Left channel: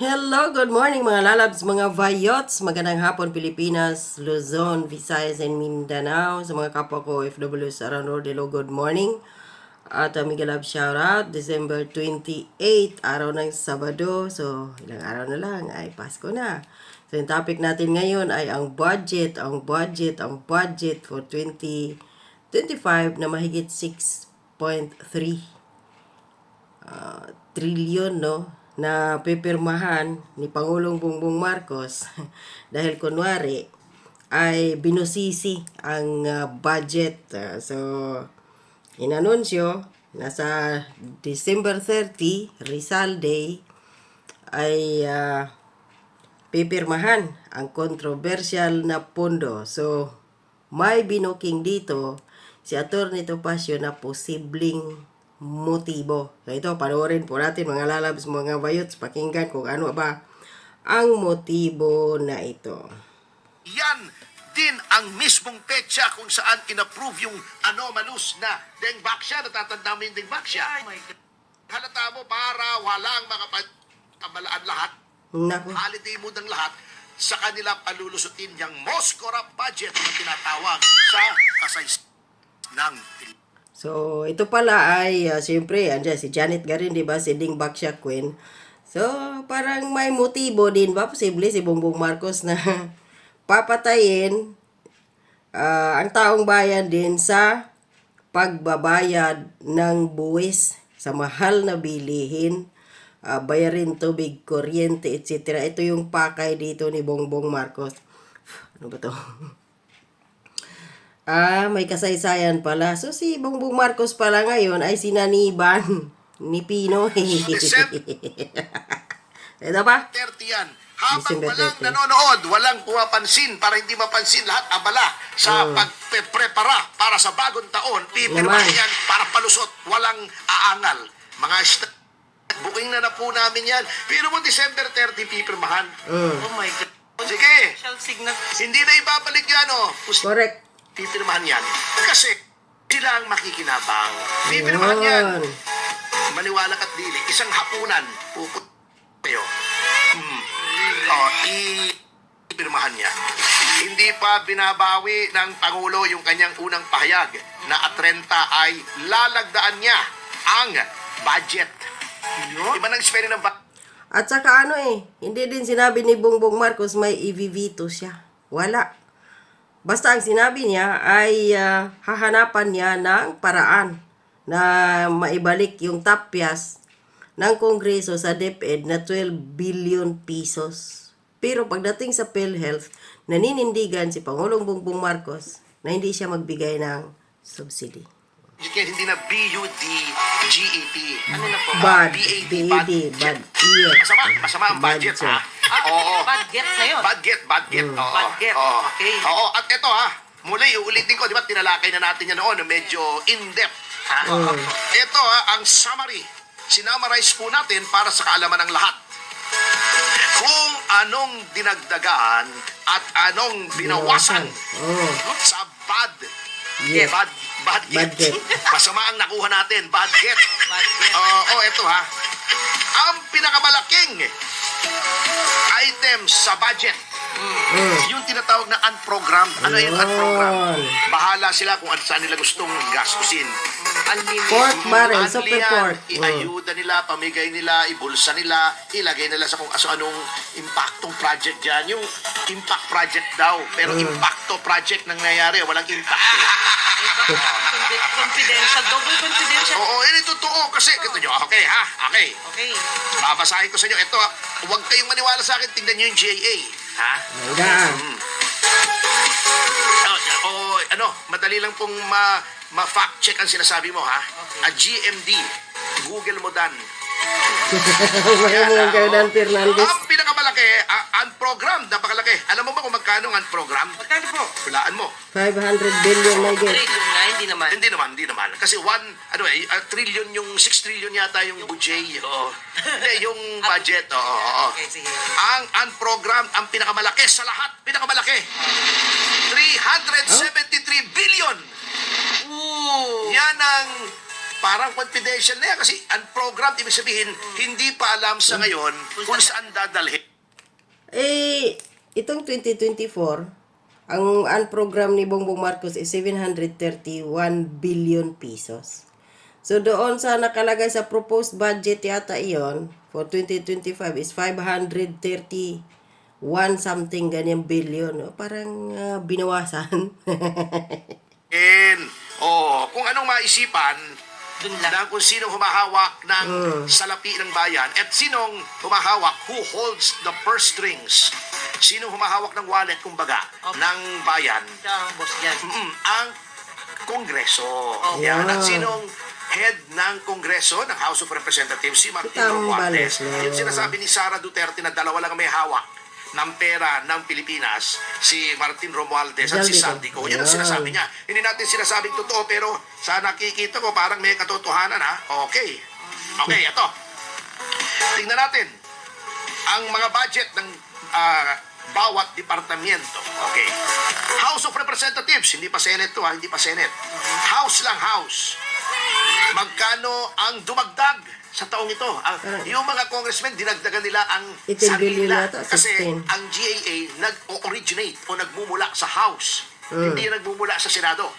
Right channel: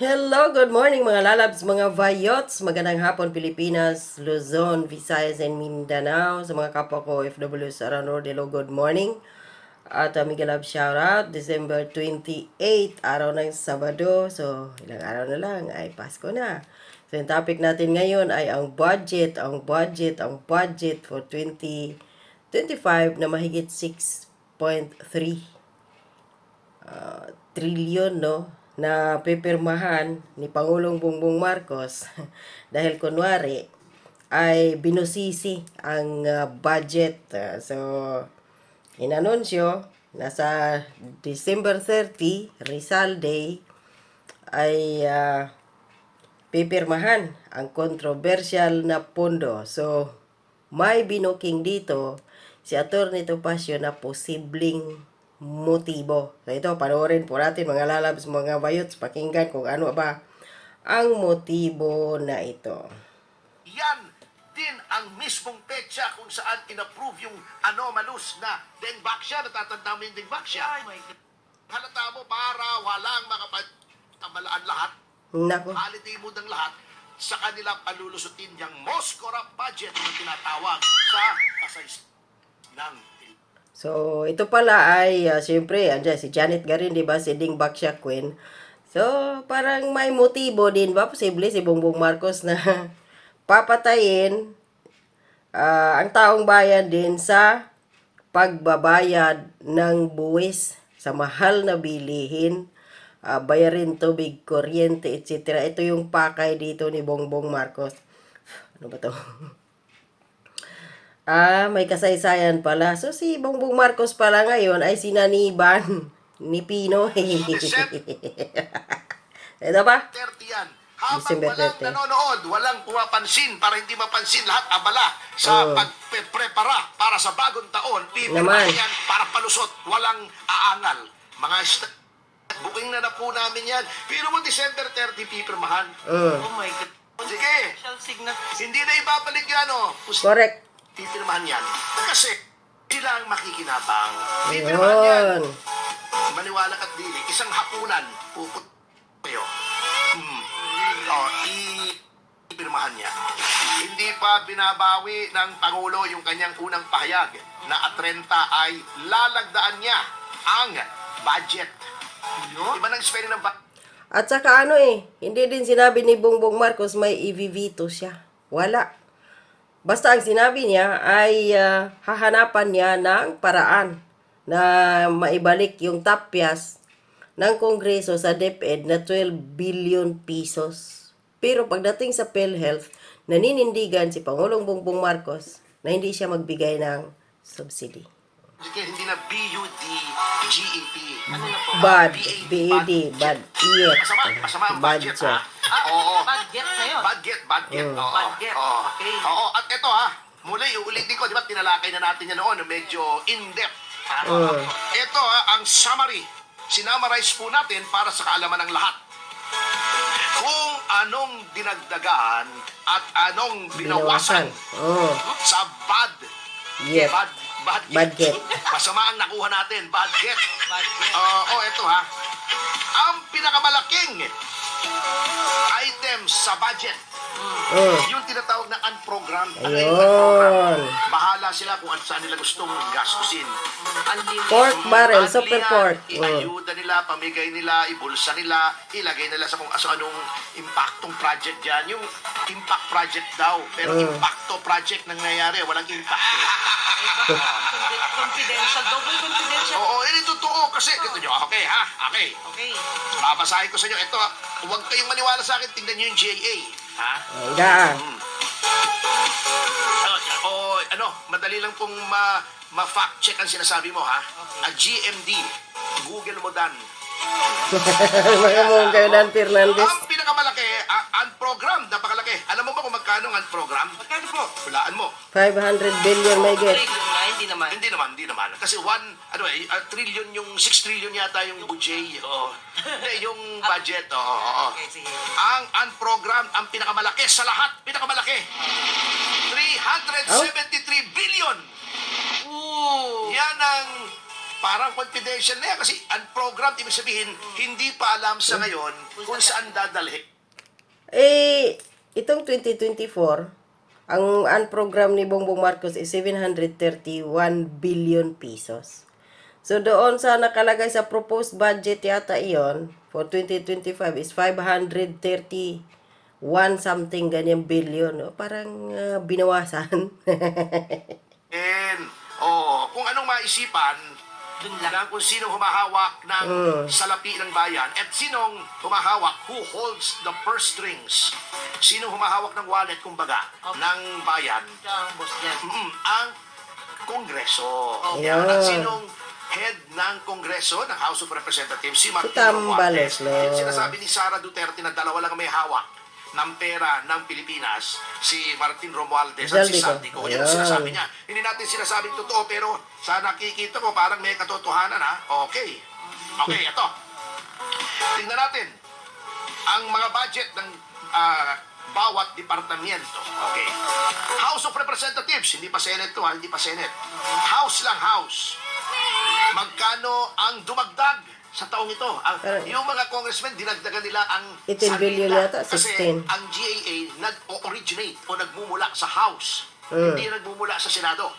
Hello, good morning mga lalabs, mga vayots. Magandang hapon Pilipinas, Luzon, Visayas, and Mindanao. Sa mga kapwa ko OFWs around the world, hello, good morning. At uh, Miguel Love shoutout, December 28, araw ng Sabado. So, ilang araw na lang ay Pasko na. So, yung topic natin ngayon ay ang budget, ang budget, ang budget for 2025 na mahigit 6.3 uh, trilyon no na pipirmahan ni Pangulong Bongbong Marcos dahil kunwari ay binusisi ang uh, budget Uh, so inanunsyo na sa December 30 Rizal Day ay uh, pipirmahan ang controversial na pondo so may binuking dito si Atty. Topacio na posibleng motibo. So ito, panoorin po natin mga lalabs, mga bayots, pakinggan kung ano ba ang motibo na ito. Yan din ang mismong petsa kung saan inapprove yung anomalous na Dengbaksya. Natatanda mo yung Dengbaksya? Halata mo para walang makapamalaan lahat, Nako. holiday mood ang lahat, sa kanila palulusutin yung most corrupt budget na tinatawag sa kasays ng. So, ito pala ay, uh, siyempre, andyan si Janet Garin, di ba? Si Ding Baksha Queen. So, parang may motibo din ba? Posible si Bongbong Marcos na papatayin ah, ang taong bayan din sa pagbabayad ng buwis sa mahal na bilihin, ah, bayarin tubig, kuryente, etc. Ito yung pakay dito ni Bongbong Marcos. Ano ba to? Ah, may kasaysayan pala. So, si Bongbong Marcos pala ngayon ay sinaniban ni Pinoy. Ito ba? 30 yan. Habang December walang 30. nanonood, walang pumapansin para hindi mapansin lahat abala sa Oh. pagprepara para sa bagong taon, Naman. pipirmahan yan para palusot, walang aangal. Mga st- booking na na po namin yan. Pero mo December 30, pipirmahan. Mm. Oh my God. Sige, Shall signal. hindi na ibabalik yan, oh. Pus- Correct. Pipirmahan yan. Kasi sila ang makikinabang. Pipirmahan yan. Yun. Maniwala ka't dili, isang hapunan, puput kayo. Hmm. Oh, i pirmahan niya. Hindi pa binabawi ng Pangulo yung kanyang unang pahayag na at 30 ay lalagdaan niya ang budget. Iba nang spelling ng budget. At saka ano eh, hindi din sinabi ni Bongbong Marcos may i-veto siya. Wala. Basta ang sinabi niya ay ah, hahanapan niya ng paraan na maibalik yung tapyas ng Kongreso sa DepEd na 12 billion pesos. Pero pagdating sa PhilHealth, naninindigan si Pangulong Bongbong Marcos na hindi siya magbigay ng subsidy. Kaya hindi na B-U-D-G-E-T. Ano na po? Bad, B-A-D, B-A-D, bad, iyak. Masama, masama ang Bad budget, siya. Oo. Bad get yun. Bad get, bad get. Mm. Oo. Bad get, Oo. okay. Oo, at ito ha, muli, uulitin ko, di ba, tinalakay na natin yan noon, medyo in-depth. Ha? Mm. Ito ha, ang summary. Sinamarize po natin para sa kaalaman ng lahat. Kung anong dinagdagan at anong binawasan Oh, sa bad yes. Bad, bad, Bad get. Masama ang nakuha natin. Bad get. Bad get. Oo, oh, ito ha. Ang pinakamalaking item sa budget, Mm. yung tinatawag na unprogrammed. Ano yung unprogrammed? Bahala sila kung an- saan nila gustong gastusin. Pork barrel, super pork. Iayuda nila, pamigay nila, ibulsa nila, ilagay nila sa kung aso anong impactong project dyan. Yung impact project daw. Pero Mm. impacto project nangyayari, walang impact eh. Confi- Confidential. Double confidential. Oo, yun yung totoo kasi, ito nyo, okay ha, okay. Okay. Babasahin ko sa inyo. Ito, ah, huwag kayong maniwala sa akin. Tingnan nyo yung JA. Ha? Hangga. O, o, ano, madali lang pong ma, ma-fact check ang sinasabi mo, ha? A GMD. Google mo dan. Mga mong kayo Dan Fernandez. Ang pinakamalaki, uh, unprogrammed, napakalaki. Alam mo ba kung magkano ang unprogrammed? Magkano po? Hulaan mo. 500 billion may get. Trillion na, hindi naman. Hindi naman, hindi naman. Kasi one, ano eh, a trillion yung, 6 trillion yata yung budget. Oo. Hindi, yung budget. Oo, oo, oo. Okay, sige. Ang unprogrammed, ang pinakamalaki sa lahat, pinakamalaki. 373 billion. Ooh. Yan ang parang confidential na yan kasi unprogrammed, ibig sabihin, hindi pa alam sa ngayon kung saan dadalhin. Eh, itong 2024, ang unprogram ni Bongbong Marcos is 731 billion pesos. So doon sa nakalagay sa proposed budget yata iyon for 2025 is 531 something ganyan billion. O, parang ah, binawasan. And, oh, kung anong maisipan Lang. ng kung sino humahawak ng salapi ng bayan at sinong humahawak, who holds the purse strings, sino humahawak ng wallet, kumbaga, Okay. ng bayan, Siya ang boss dyan. Mm, ang Kongreso. Yan. At sinong head ng Kongreso, ng House of Representatives, si Martin Tambalos, Romualdez. no? Yung sinasabi ni Sara Duterte na dalawa lang ang may hawak ng pera ng Pilipinas, si Martin Romualdez at si Zaldico. Saldico. Yan ang sinasabi niya. Hindi natin sinasabing totoo, pero sa nakikita ko, parang may katotohanan, ha? Okay. Okay, ito. Tingnan natin ang mga budget ng ah, bawat departamento. Okay. House of Representatives, hindi pa Senate to ha, hindi pa Senate. House lang, House. Magkano ang dumagdag sa taong ito? Ang, Parang- yung mga congressmen, dinagdagan nila ang 18 billion nila. Kasi 16. ang GAA nag-originate o nagmumula sa House. Mm. Hindi nagmumula sa Senado.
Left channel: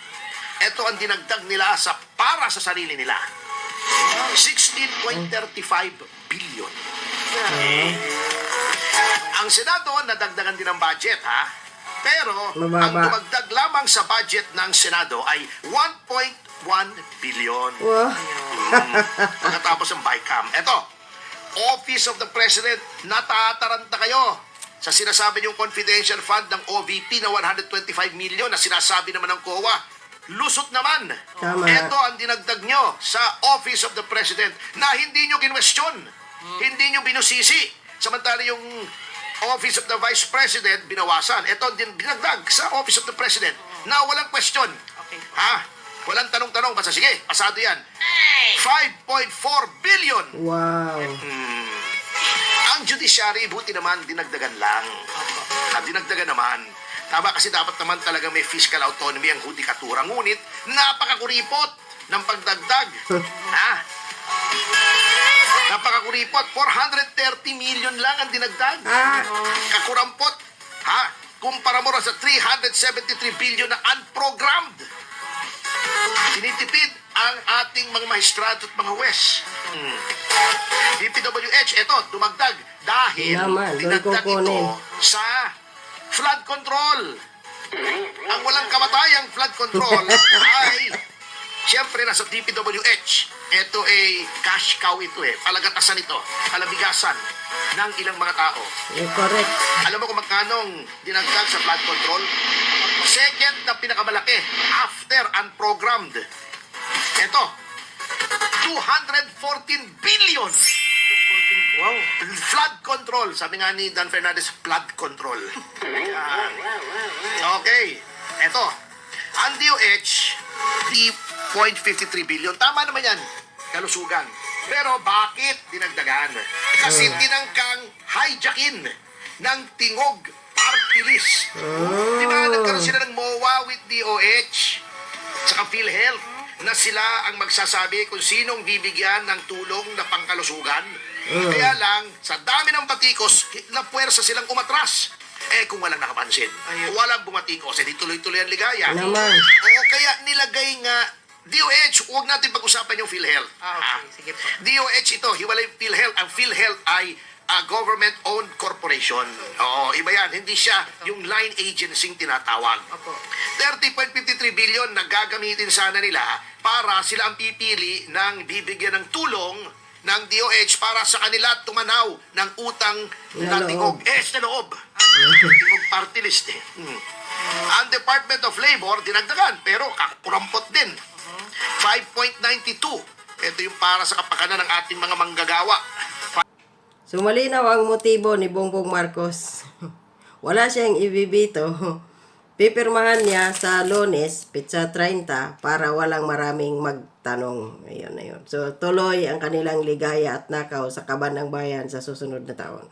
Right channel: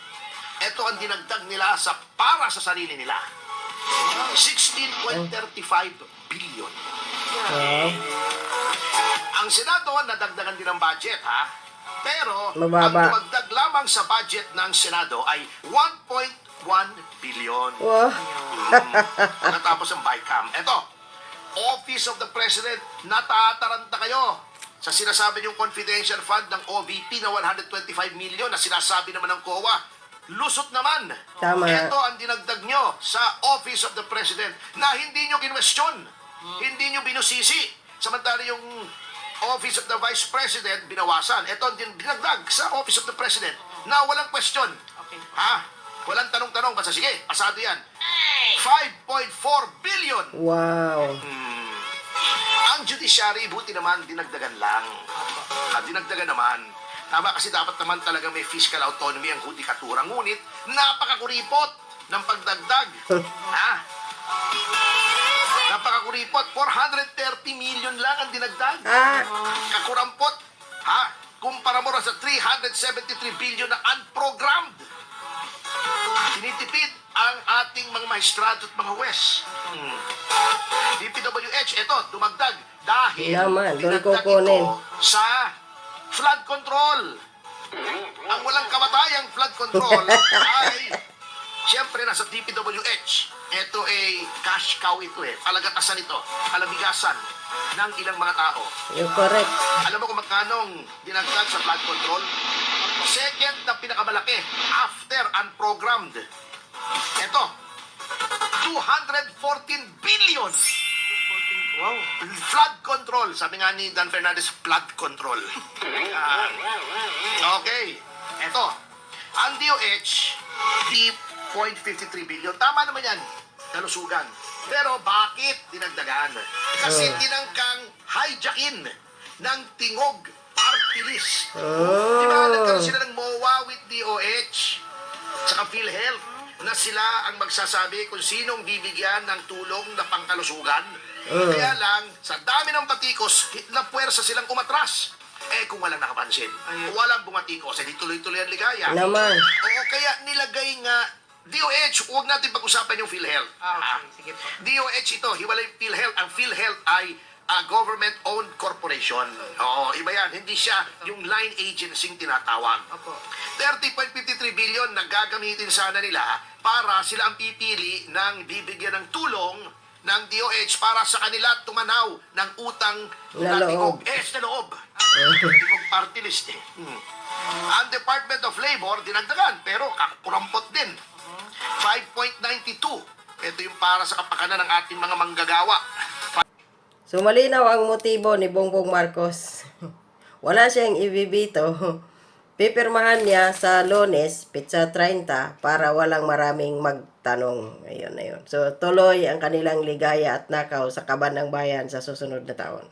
Ito ang dinagdag nila sa para sa sarili nila. 16.35 billion. Wow. Ang Senado, nadagdagan din ng budget, ha? Pero, Mababa. ang dumagdag lamang sa budget ng Senado ay 1.1 billion. Wow. Pagkatapos ng BICAM. Ito, Office of the President, natataranta kayo sa sinasabi niyong confidential fund ng OVP na 125 million na sinasabi naman ng COA. Lusot naman. Tama. Ito ang dinagdag nyo sa Office of the President na hindi nyo kinwestiyon. Hindi nyo binusisi. Samantala yung Office of the Vice President, binawasan. Ito ang din- dinagdag sa Office of the President na walang question. Okay. Ha? Walang tanong-tanong. Basta sige, pasado yan. 5.4 billion. Wow. Ang judiciary, buti naman, dinagdagan lang. Ah, dinagdagan naman. Tama kasi dapat naman talaga may fiscal autonomy ang hudikatura. Ngunit, napakakuripot ng pagdagdag. ha? Napakakuripot. 430 million lang ang dinagdag. Ah. Kakurampot. Ha? Kumpara mo rin sa 373 billion na unprogrammed. Tinitipid ang ating mga maestrado at mga wes. Hmm. DPWH, ito, dumagdag dahil doon dinagdag ito sa flood control. Ang walang kamatayang flood control ay Siyempre, nasa DPWH, ito ay cash cow ito eh. Palagatasan ito, palabigasan ng ilang mga tao. You're correct. Alam mo kung magkano ang dinagdag sa flood control? Second na pinakamalaki after unprogrammed. Ito, 214 billion. Wow. Flood control. Sabi nga ni Dan Fernandez, flood control. Okay. Ito, ang DOH, 3.53 billion. Tama naman yan. Kalusugan. Pero bakit dinagdagan? Kasi tinangkang hijackin ng tingog party list. Kaya nagkaroon sila ng MOA with DOH saka PhilHealth na sila ang magsasabi kung sinong bibigyan ng tulong na pangkalusugan. Kaya lang, sa dami ng batikos, na puwersa silang umatras. Eh, kung walang nakapansin, walang bumatikos, eh di tuloy-tuloy ang ligaya. Naman. Oo, kaya nilagay nga, DOH, huwag natin pag-usapan yung PhilHealth. Ah, okay. Sige po. DOH ito, hiwalay PhilHealth. Ang PhilHealth ay a government-owned corporation. Oo, iba yan. Hindi siya yung line agency tinatawag. Opo. 30.53 billion na gagamitin sana nila para sila ang pipili ng bibigyan ng tulong ng DOH para sa kanila tumanaw ng utang Na tingog. Eh, na loob. tingog party list eh. Hmm. Ang Department of Labor, dinagdagan, pero kakurampot din. 5.92. Ito yung para sa kapakanan ng ating mga manggagawa. So malinaw ang motibo ni Bongbong Marcos. Wala siyang ibibito. Pipirmahan niya sa Lunes, pizza 30, para walang maraming magtanong. Ayun na yun. So tuloy ang kanilang ligaya at nakaw sa kaban ng bayan sa susunod na taon.